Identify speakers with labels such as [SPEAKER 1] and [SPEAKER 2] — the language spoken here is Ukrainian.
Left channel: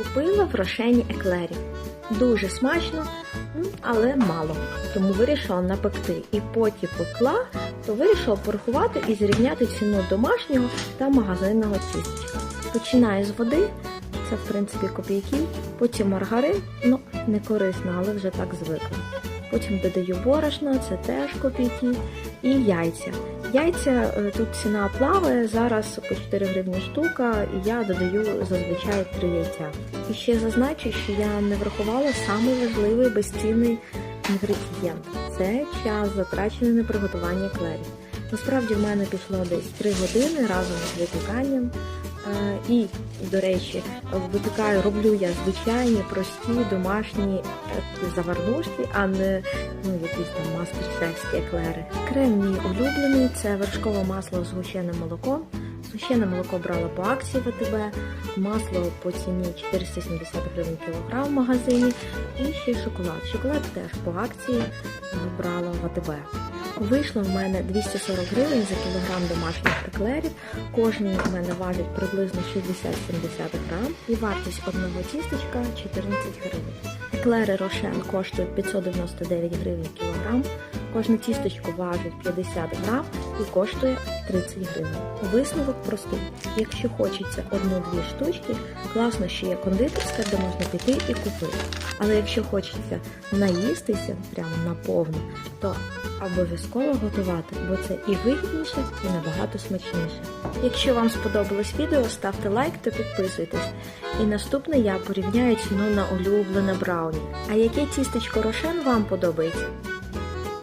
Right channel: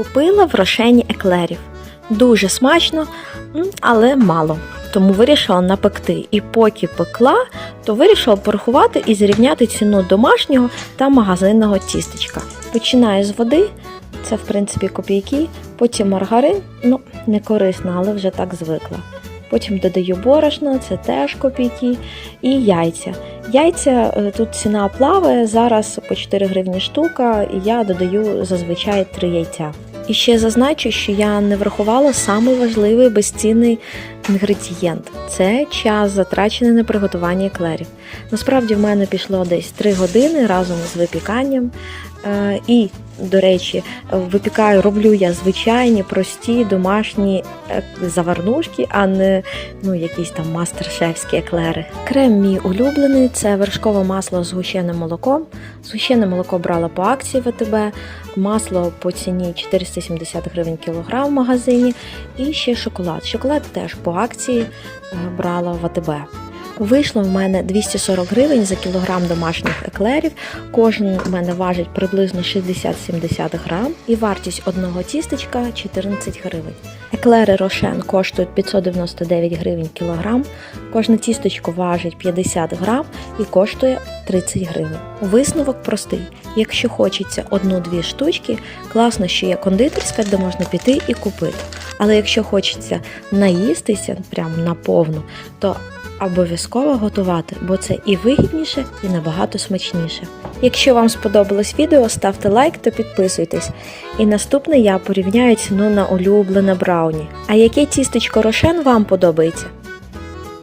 [SPEAKER 1] Купила в рошені еклерів. Дуже смачно, але мало. Тому вирішила напекти. І поки пекла, то вирішила порахувати і зрівняти ціну домашнього та магазинного тістечка. Починаю з води, це в принципі копійки, потім маргарин, ну не корисно, але вже так звикла. Потім додаю борошно, це теж копійки, і яйця. Яйця е, тут ціна плаває, зараз по 4 гривні штука, і я додаю зазвичай 3 яйця. І ще зазначу, що я не врахувала самий важливий безцінний інгредієнт це час, затрачений на приготування еклерів. Насправді в мене пішло десь 3 години разом з випіканням. Е, І, до речі, випікаю, роблю я звичайні, прості домашні е, заварнушки, а не ну, якісь там мастер-шефські еклери. Крем мій улюблений це вершкове масло з згущеним молоком. Згущене молоко брала по акції ВТБ, масло по ціні 470 гривень кілограм в магазині. І ще шоколад. Шоколад теж по акції е, брала в АТБ. Вийшло в мене 240 гривень за кілограм домашніх еклерів. Кожен в мене важить приблизно 60-70 грам і вартість одного тістечка 14 гривень. Еклери Рошен коштують 599 гривень кілограм. Кожне тістечко важить 50 грам і коштує 30 гривень. Висновок простий. Якщо хочеться одну-дві штучки, класно, що є кондитерська, де можна піти і купити. Але якщо хочеться наїстися прямо наповну, то обов'язково готувати, бо це і вигідніше, і набагато смачніше. Якщо вам сподобалось відео, ставте лайк та підписуйтесь. І наступне я порівняю ціну на улюблене брауні. А яке тістечко рошен вам подобається?